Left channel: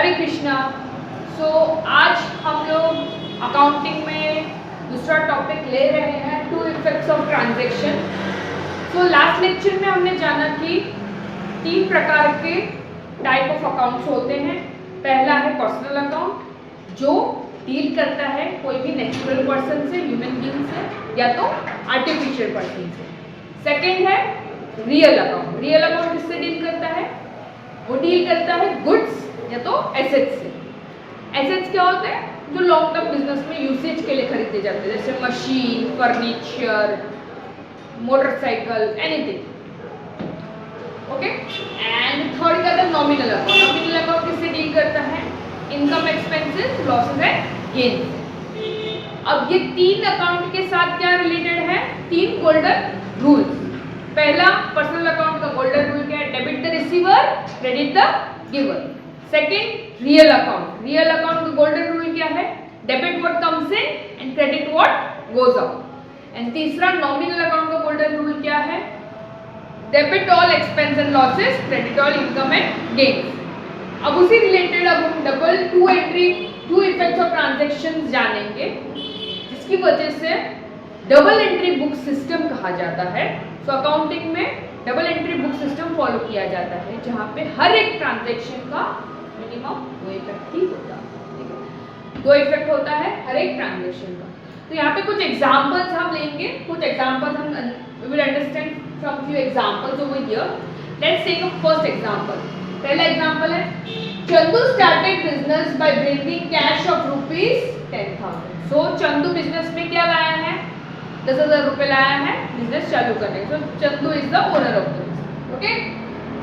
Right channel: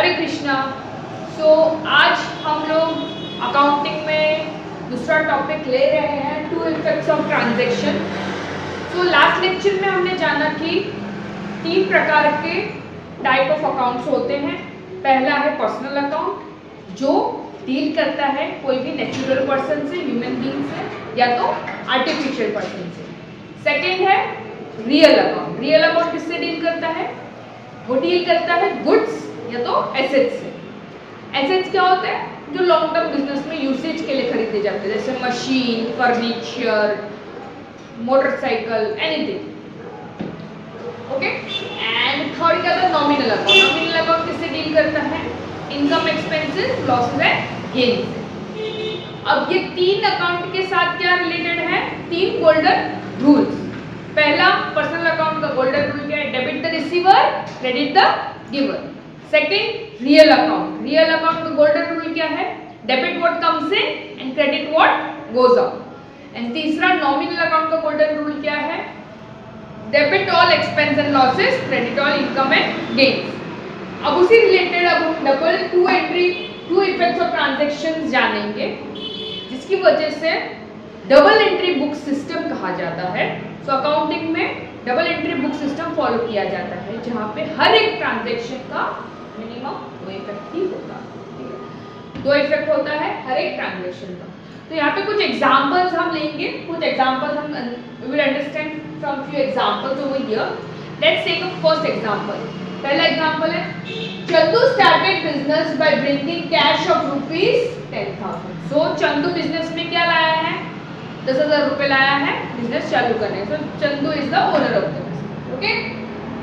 हरे कृष्णा। आज हम लोग अकाउंटिंग में दूसरा टॉपिक ले रहे हैं, two effects of transaction. Last lecture में हमने जाना कि 3 प्रकार के टाइप ऑफ अकाउंट्स होते हैं। पहला है पर्सनल अकाउंट जो डील करता है कोई भी नेचुरल पर्सन से, ह्यूमन बीइंग से या तो आर्टिफिशियल पर्सन से। सेकेंड है रियल अकाउंट। रियल अकाउंट किससे डील करता है? वो डील करता है गुड्स या तो एसेट्स से। एसेट्स क्या होते हैं? जो लॉन्ग टर्म बिजनेस में यूसेज के लिए खरीदे जाते हैं, जैसे machine, furniture, motorcycle, anything. Okay. And third क्या था? Nominal account. नॉमिनल अकाउंट किससे डील करता है? Income, expenses, losses and gains. अब ये 3 अकाउंट के साथ क्या रिलेटेड है? 3 गोल्डन रूल्स। पहला, पर्सनल अकाउंट का गोल्डन रूल क्या है? Debit the receiver, credit the giver. Second, real account. Real account का गोल्डन रूल क्या है? Debit what comes in and credit what goes out. And तीसरा, नॉमिनल अकाउंट का golden rule क्या है? Debit all expense and losses, credit all income and gains. अब उसी related अब हम double two effects of transaction जानेंगे, जिसकी वजह से डबल एंट्री बुक सिस्टम कहा जाता है। अकाउंटिंग में double entry book system follow किया जाता है, जहां पे हर एक ट्रांजैक्शन का मिनिमम 2 इफेक्ट ही होता है। ठीक है, 2 इफेक्ट होता है हर एक ट्रांजैक्शन का। तो यहाँ पे कुछ एग्जांपल्स हम लेंगे, कुछ एग्जांपल्स हम we will understand from few examples over here. Let's take a first example. पहला एग्जांपल है, Chandu started business by bringing cash of ₹10,000। सो चंदू बिजनेस में क्या लाया है? 10,000 रुपए लाया है बिजनेस चालू करने। So Chandu is the owner of the business. Okay,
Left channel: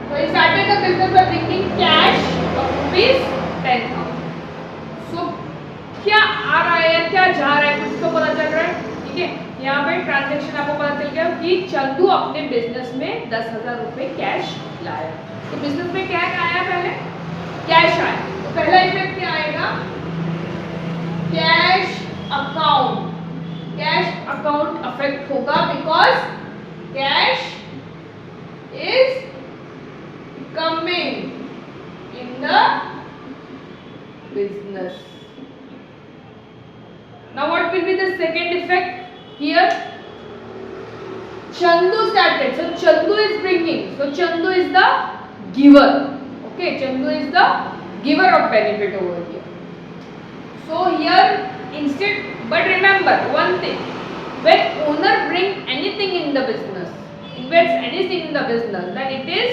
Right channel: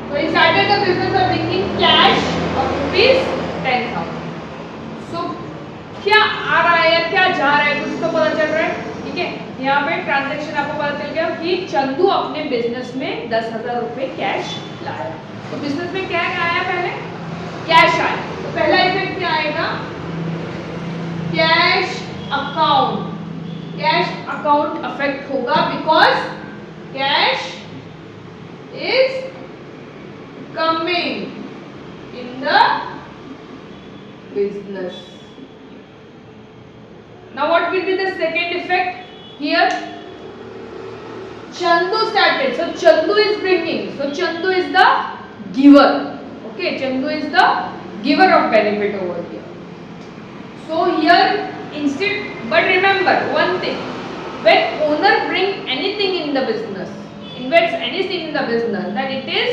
so he started the business by bringing cash of ₹10,000। So क्या आ रहा है या क्या जा रहा है, कुछ तो पता चल रहा है। ठीक है, यहाँ पे ट्रांजैक्शन आपको पता चल गया कि चंदू अपने बिजनेस में 10,000 रुपए कैश लाया। तो बिजनेस में क्या आया? पहले कैश आया। तो पहला इफेक्ट क्या आएगा? Cash account. Cash account affect होगा because cash is coming in the business. Now what will be the second effect here? Chandu started, so Chandu is bringing, so Chandu is the giver. Okay, Chandu is the giver of benefit over here. So here instead, but remember one thing, when owner bring anything in the business, invests anything in the business, then it is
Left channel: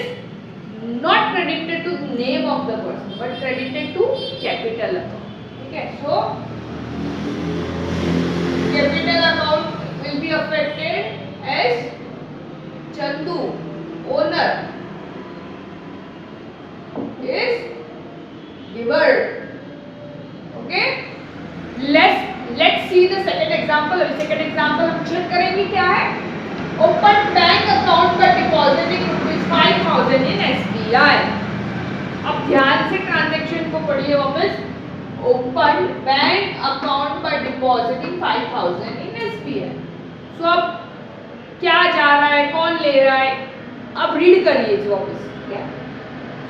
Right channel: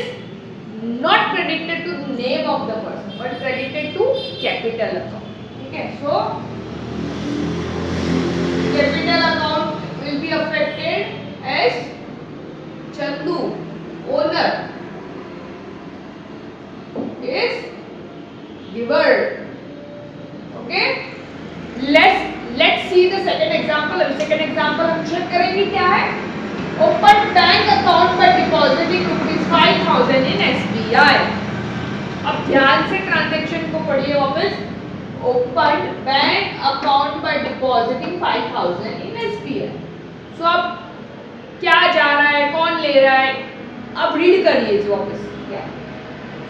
not credited to the name of the person but credited to capital account. Okay, so capital account will be affected as Chandu, owner, is giver. Okay, let's see the second example. अभी second example हम check करेंगे क्या है? Open bank account by depositing ₹5,000 in SBI. अब ध्यान से transaction को पढ़िए वापस। Open bank account by depositing 5,000 in SBI. So अब क्या जा रहा है, कौन ले रहा है? अब रीड करिए जी वापस क्या।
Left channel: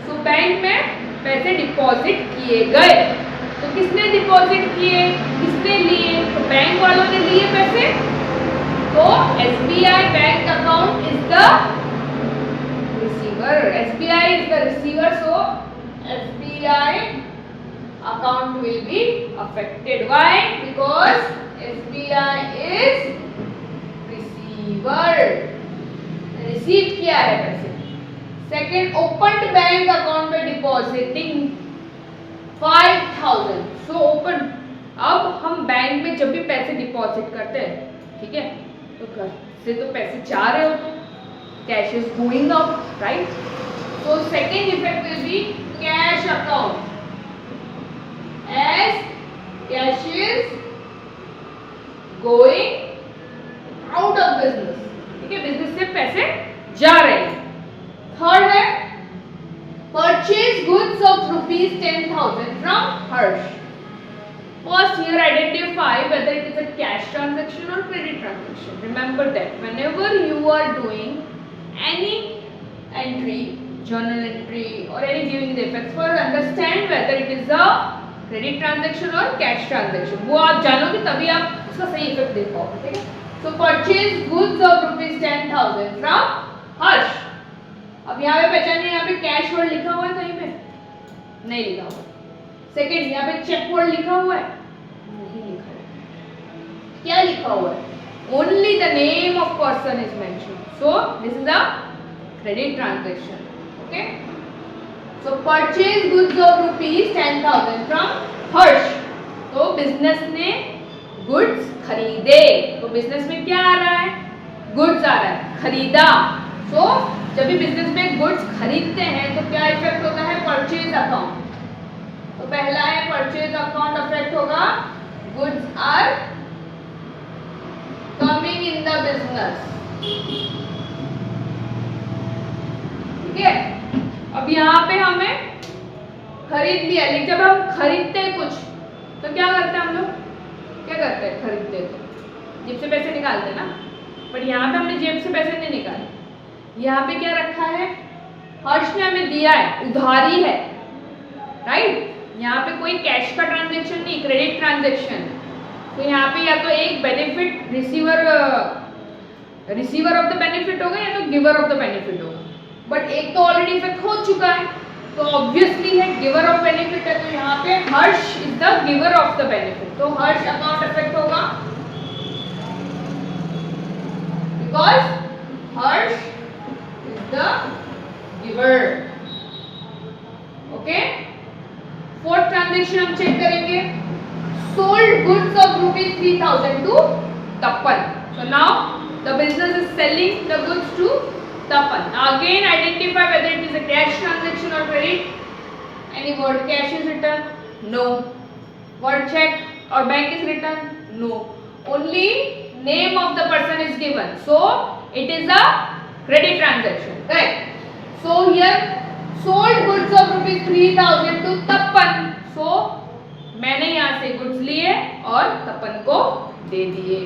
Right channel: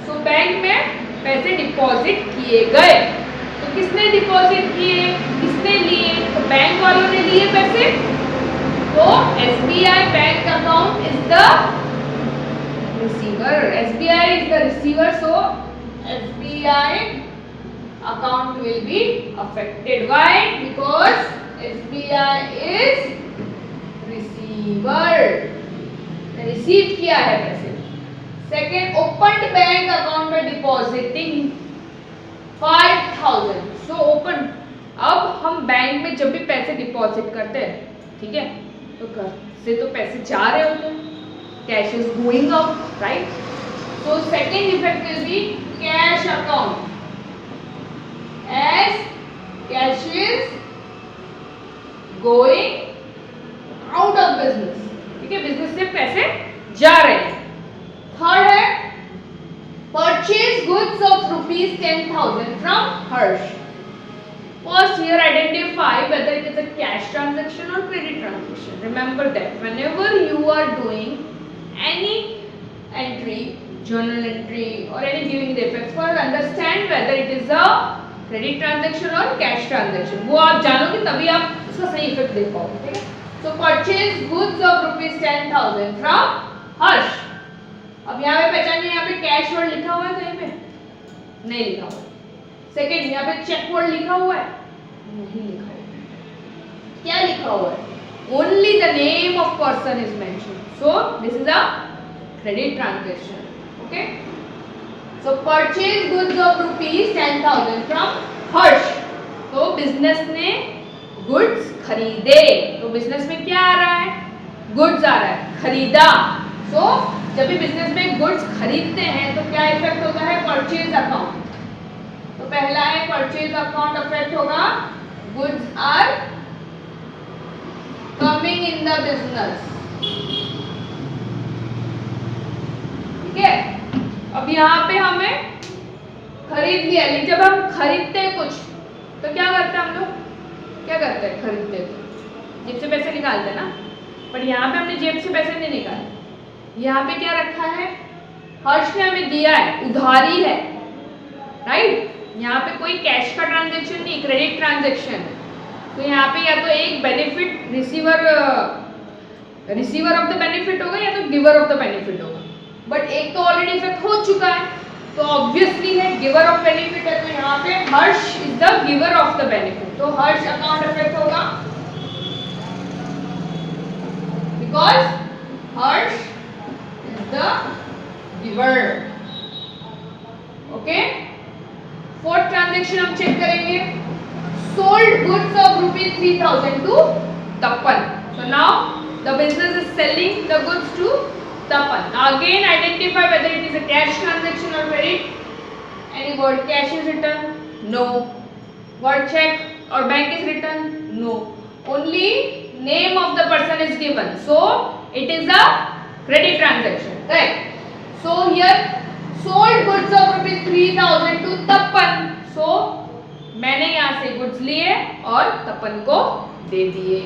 सो बैंक में पैसे डिपॉजिट किए गए। तो किसने डिपॉजिट किए, किसने लिए? तो बैंक वालों ने लिए पैसे। तो SBI bank account is the receiver. SBI is the receiver, so SBI account will be affected. Why? Because SBI is receive किया है पैसे। सेकेंड, ओपन बैंक अकाउंट में डिपॉजिटिंग 5,000। सो ओपन, अब हम बैंक में जब भी पैसे डिपॉजिट करते हैं, ठीक है, तो घर से तो पैसे जा रहे होते हैं, cash is going out, right? तो second effect will be cash account as cash is going out of business. ठीक है, बिजनेस से पैसे जा रहे हैं। थर्ड है purchase goods of ₹10,000 from Harsh. First here identify whether it is a cash transaction or credit transaction. Remember that whenever you are doing any entry journal entry or any giving the effects for understand whether it is a credit transaction or cash transaction. वो आप जानोगे तभी आप उसका सही effect देख पाओगे, ठीक है. So purchase goods of rupees 10,000 from हर्ष. अब यहाँ पे पहचानिए, यहाँ पे कैश वर्ड लिखा हुआ है कहीं पे? नहीं लिखा हुआ है. सेकेंड, यहाँ पे चेक वर्ड लिखा हुआ है? नहीं लिखा हुआ है. क्या लिखा हुआ है? Only the name of person is mentioned. So this is a credit transaction. Okay. So purchase goods of rupees 10,000 from हर्ष. तो बिजनेस ने गुड्स खरीदे. तो बिजनेस में क्या आ रहा है? गुड्स आ रहा है, खरीदा. So जब भी बिजनेस में गुड्स खरीदते हैं तो क्या इफेक्ट होता है? Purchase account. तो पहला है परचेज अकाउंट अफेक्ट होगा. Goods are coming in the business. ठीक है. अब यहाँ पे हमें खरीद लिया, लेकिन जब हम खरीदते हैं कुछ तो क्या करते हैं हम लोग? क्या करते हैं? खरीदते हैं तो जेब से पैसे निकालते हैं ना. पर यहाँ पे हमने जेब से पैसे नहीं निकाले. यहाँ पे क्या रखा है? हर्ष ने हमें दिया है, उधारी है, राइट. यहाँ पे कोई कैश का ट्रांजेक्शन नहीं, क्रेडिट ट्रांजेक्शन है. तो यहाँ पे या तो एक benefit receiver of the benefit होगा या तो गिवर ऑफ द बेनिफिट होगा. बट एक तो ऑलरेडी इफेक्ट हो चुका है, तो ऑब्वियसली है गिवर ऑफ बेनिफिट है. तो यहाँ पे Harsh is the giver of the benefit. तो हर्ष अकाउंट इफेक्ट होगा because Harsh is the giver. Okay. Fourth transaction हम चेक करेंगे. Sold goods of rupees 3,000 to Tapan. So now the business is selling the goods to Tapan. Now again identify whether it is a cash transaction or credit. Any word cash is written? No. Word check or bank is written? No. Only name of the person is given. So it is a credit transaction. Correct. So here sold goods of rupees 3,000 to Tapan. So मैंने यहाँ से goods लिए और तपन को दे दिए.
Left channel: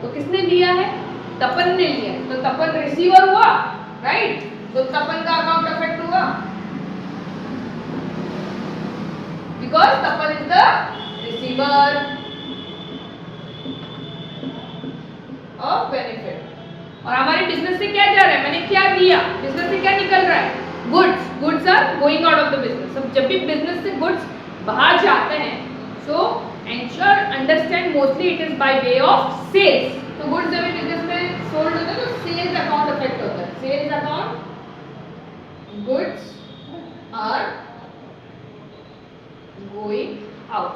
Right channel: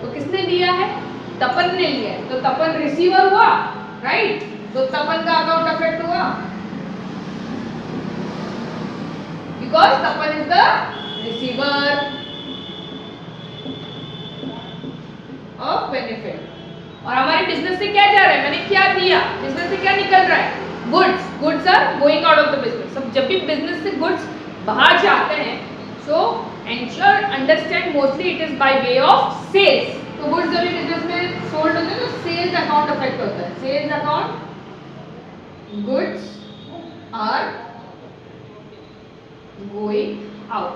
तो किसने दिया है? तपन ने लिया है. तो तपन रिसीवर हुआ, राइट. तो तपन का अकाउंट अफेक्ट हुआ because Tapan is the receiver of benefit. और हमारे बिजनेस से क्या जा रहा है? मैंने क्या दिया, बिजनेस से क्या निकल रहा है? Goods. Goods are going out of the business. अब जब भी बिजनेस से गुड्स बाहर जाते हैं तो ensure understand mostly it is by way of sales. तो गुड्स जब भी बिजनेस में सोल्ड होते हैं तो सेल्स अकाउंट अफेक्ट होता है. Sales account, goods are going out.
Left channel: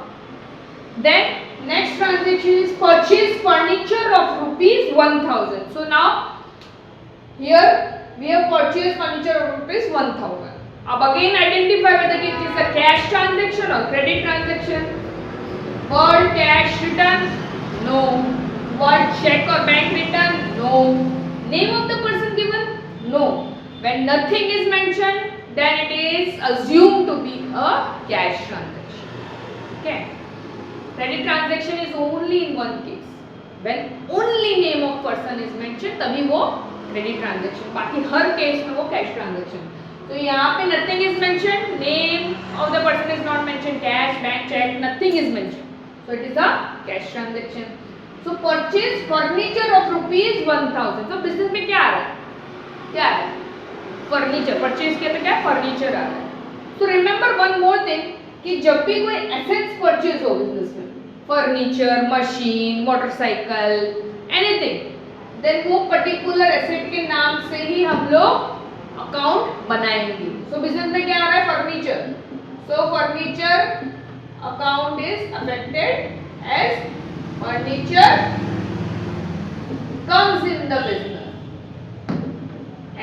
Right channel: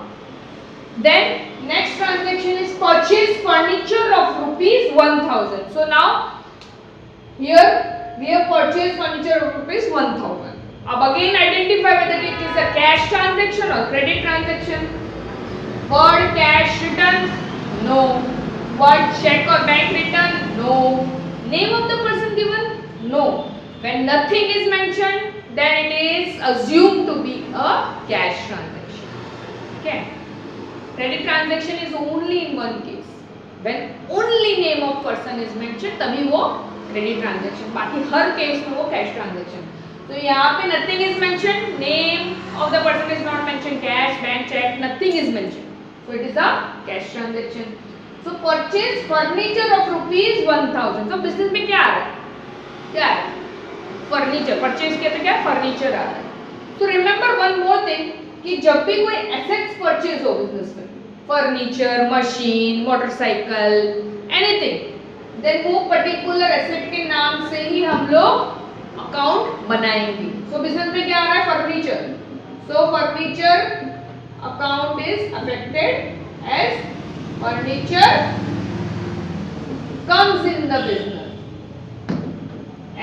Then next transaction is purchase furniture of rupees 1,000. So now here we have purchase furniture of rupees 1,000. अब again identify whether it is a cash transaction और credit transaction. Word cash return? No. Word check or bank return? No. Name of the person given? No. When nothing is mentioned, then it is assumed to be a cash transaction. Okay. Credit transaction is only in one case. When only name of person is mentioned, तभी वो credit transaction. बाकी हर case में वो cash transaction. तो यहाँ पे nothing is mentioned, name of the person is not mentioned, cash, bank check, nothing is mentioned. So it is a cash transaction. So purchase furniture of rupees 1,000. तो business में क्या आ रहा है? क्या आ रहा है? फर्नीचर. परचेज किया तो क्या? फर्नीचर आ रहा है. तो रिमेंबर वन मोर थिंग कि जब भी कोई एसेट्स परचेज हो बिजनेस में, furniture, machine, motorcycle, anything, then वो पर्टिकुलर एसेट के नाम से ही हम लोग अकाउंट बनाएंगे. सो बिजनेस में क्या आ रहा है? Furniture. So furniture account is affected as furniture comes in the business.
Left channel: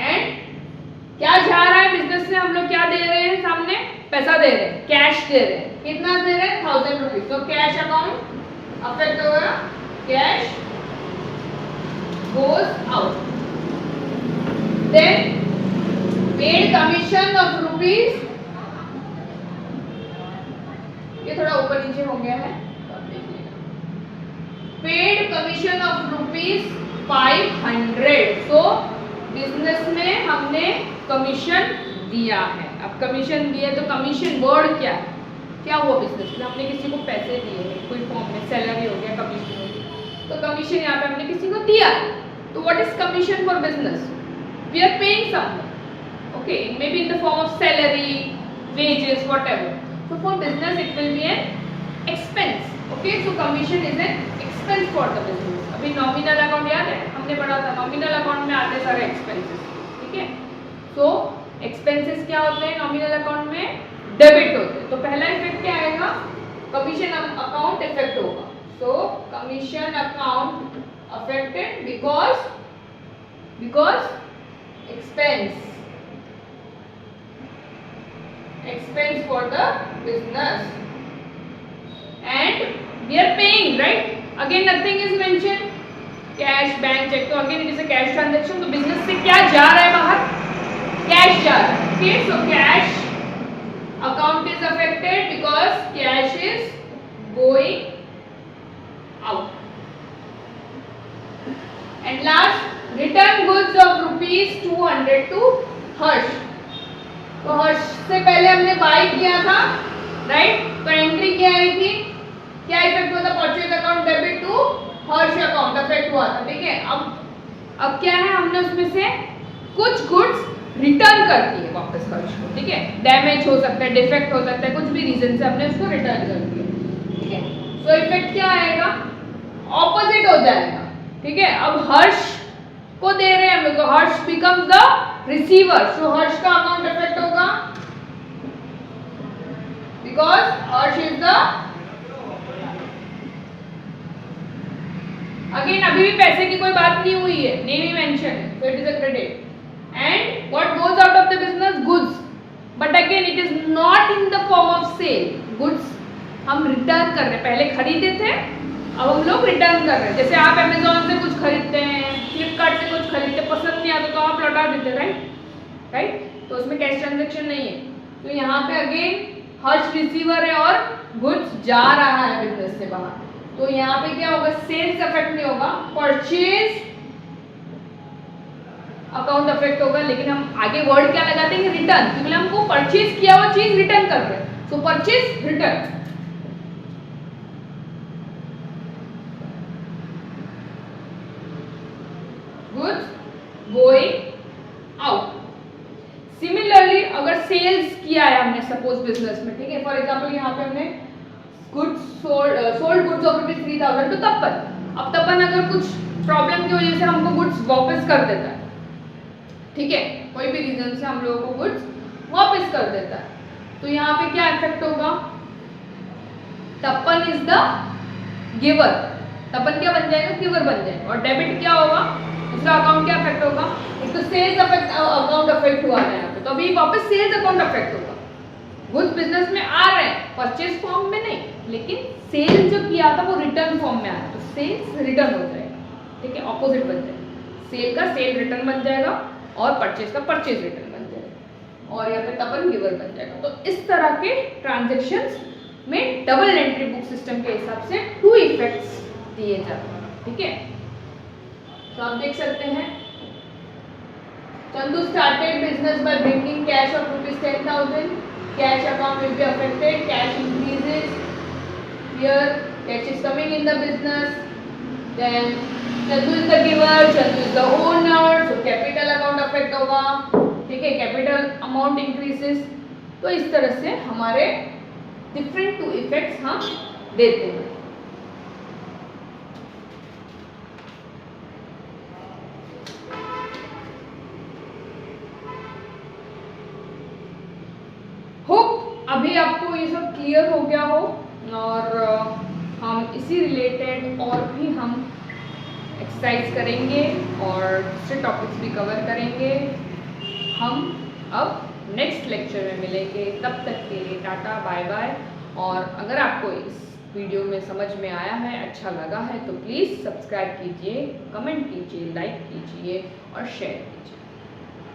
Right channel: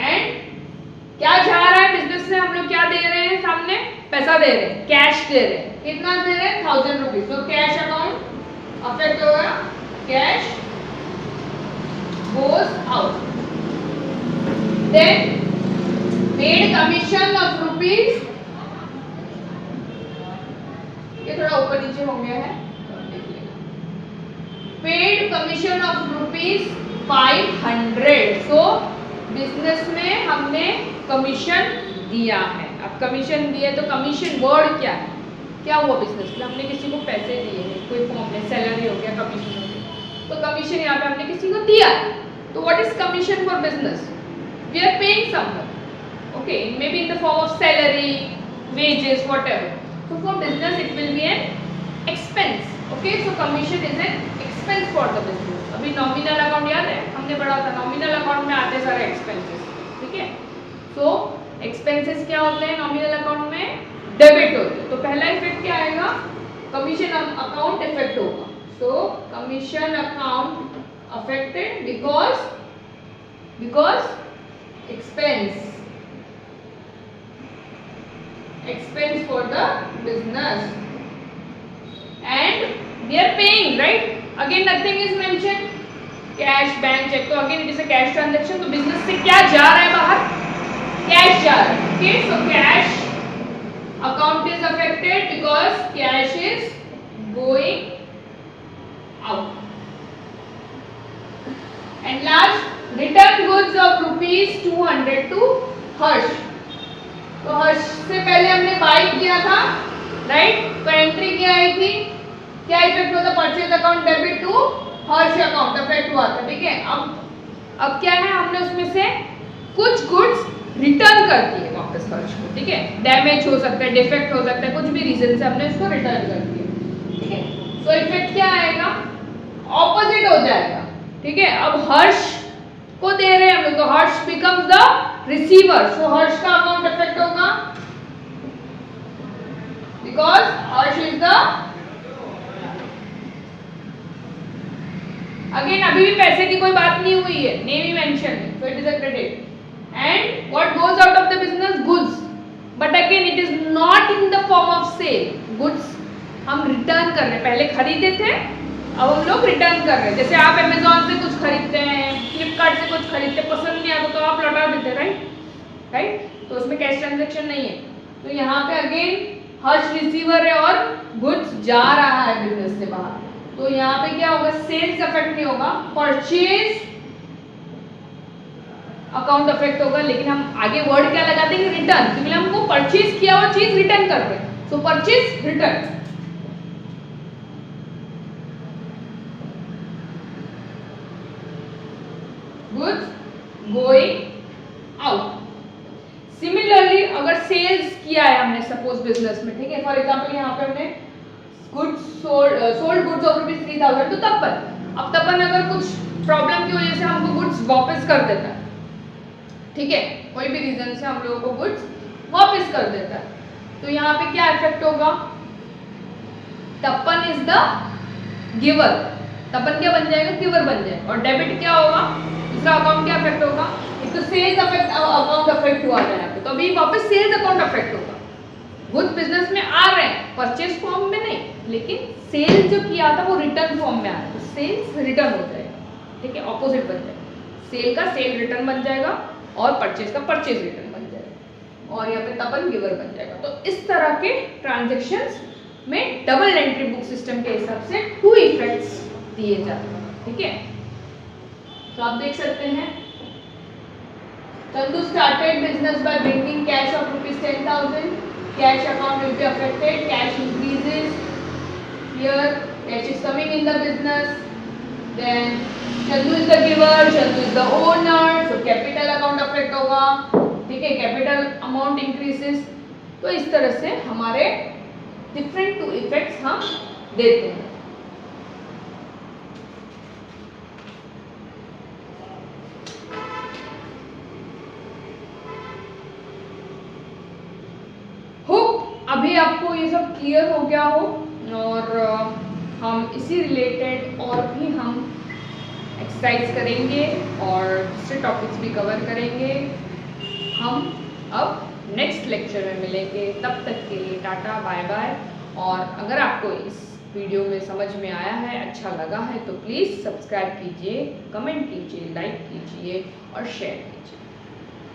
And क्या जा रहा है बिजनेस से? हम लोग क्या दे रहे हैं? सामने पैसा दे रहे हैं, कैश दे रहे हैं. कितना दे रहे हैं? 1,000 रुपीज. तो कैश अकाउंट अफेक्ट होगा. Cash goes out. Then paid commission of rupees. ये थोड़ा ऊपर नीचे हो गया है. Paid commission of rupees 500. So business में हमने कमीशन दिया है। अब कमीशन दिए तो कमीशन वर्ड क्या है, क्या हुआ बिजनेस में, हमने किसी को पैसे दिए हैं कोई फॉर्म में, सैलरी हो गया, कमीशन हो गया, तो कमीशन यहाँ पे हमने किसी को दिया है। तो what is commission for business, we are paying someone, okay, it may be in the form of salary, wages, whatever. So for business it will be an expense, okay, so commission is an expense for the business. अभी nominal account याद है, हमने पढ़ा था nominal account में आते सारे expenses, ठीक है। so expenses क्या होते हैं nominal account में, डेबिट होते हैं। तो पहला इफेक्ट क्या आएगा, कमीशन अकाउंट इफेक्ट होगा। so commission account affected because expense for the business and we are paying, right? Again nothing is mentioned, cash, bank check, तो again it is a cash transaction। तो business से क्या जा रहा है बाहर, cash जा रहा है, okay, so cash account is affected because cash is going out। and last, return goods of rupees 200 to हर्ष। तो हर्ष से पहले हमने बाई किया था, राइट, तो एंट्री क्या आई थी, क्या इफेक्ट हुआ था, purchase account debit to Harsh account effect हुआ था, ठीक है। अब क्या है, हमने उसमें से कुछ गुड्स रिटर्न कर दिए वापस हर्ष को, ठीक है, डैमेज हो सकता है, डिफेक्ट हो सकता है, कुछ भी रीजन से हमने उसको रिटर्न कर दिया, ठीक है। सो इफेक्ट क्या आएगा, ऑपोजिट हो जाएगा, ठीक है। अब हर्ष को दे रहे हैं हम लोग, तो Harsh becomes the receiver, so Harsh का अकाउंट इफेक्ट होगा because Harsh is the, again अभी भी पैसे की कोई बात नहीं हुई है, नेम ही mention, so it is a credit. And what goes out of the business, goods, but again it is not in the form of sale, goods हम रिटर्न कर रहे हैं, पहले खरीदे थे अब हम लोग रिटर्न कर रहे हैं। जैसे आप अमेजोन से कुछ खरीदते हैं, फ्लिपकार्ट से कुछ खरीदते, पसंद नहीं आता तो आप लौटा देते, राइट, तो उसमें कैश ट्रांजैक्शन नहीं है। तो यहाँ पे अगेन हर्ष रिसीवर है और गुड्स जा रहा है बिजनेस से बाहर, तो यहाँ पे क्या होगा, सेल्स अफेक्ट नहीं होगा, परचेज अकाउंट अफेक्ट होगा। लेकिन हम आगे वर्ड क्या लगाते हैं, रिटर्न, क्योंकि हमको परचेज किया हुआ चीज रिटर्न करते हैं, तो purchase return. Goods going out. Similarly अगर सेल्स किया है हमने सपोज बिजनेस में, ठीक है, फॉर एग्जांपल यहाँ पे हमने goods sold goods of rupees 3000, तो अब तपन अगर कुछ प्रॉब्लम की वजह से हमको गुड्स वापस कर देता है, ठीक है, कोई भी रीजन से हम लोगों को गुड्स वापस कर देता है, तो यहाँ पे क्या इफेक्ट होगा, तपन इज द गिवर, तपन क्या बन जाएगा, गिवर बन जाएगा, और डेबिट क्या होगा, दूसरा अकाउंट क्या अफेक्ट होगा, एक तो सेल्स अकाउंट अफेक्ट हुआ है यहाँ पे, तो अभी वापस सेल्स अकाउंट अफेक्ट होगा। गुड्स बिजनेस में आ रहे हैं, परचेज फॉर्म में नहीं, लेकिन सेल जो किया था वो रिटर्न फॉर्म में आ रहा है, तो सेल्स रिटर्न हो जाएगा, ठीक है, ऑपोजिट बन जाएगा, सेल का सेल रिटर्न बन जाएगा और परचेज का परचेज रिटर्न बन जाएगा, और यहाँ पे तपन गिवर बन जाएगा। तो इस तरह के ट्रांजेक्शन्स में डबल एंट्री बुक सिस्टम के हिसाब से 2 इफेक्ट्स दिए जाते हैं, ठीक है। तो आप देख सकते हैं, Chandu started business by bringing cash of rupees 10,000. Cash account will be affected. Cash increases. Here, cash is coming in the business. Then Chandu is the giver. Chandu is the owner. So capital account affect होगा, ठीक है, capital amount increases. तो इस तरह से हमारे different 2 effects हम देते हैं। अभी आपको ये सब क्लियर हो गया हो, और हम इसी रिलेटेड और भी हम एक्सरसाइज करेंगे और दूसरे टॉपिक्स भी कवर करेंगे। हम अब नेक्स्ट लेक्चर में मिलेंगे, तब तक के लिए टाटा बाय बाय। और अगर आपको इस वीडियो में समझ में आया है, अच्छा लगा है, तो प्लीज़ सब्सक्राइब कीजिए, कमेंट कीजिए, लाइक कीजिए और शेयर कीजिए।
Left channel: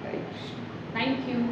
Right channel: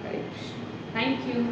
हरे कृष्ण, थैंक यू।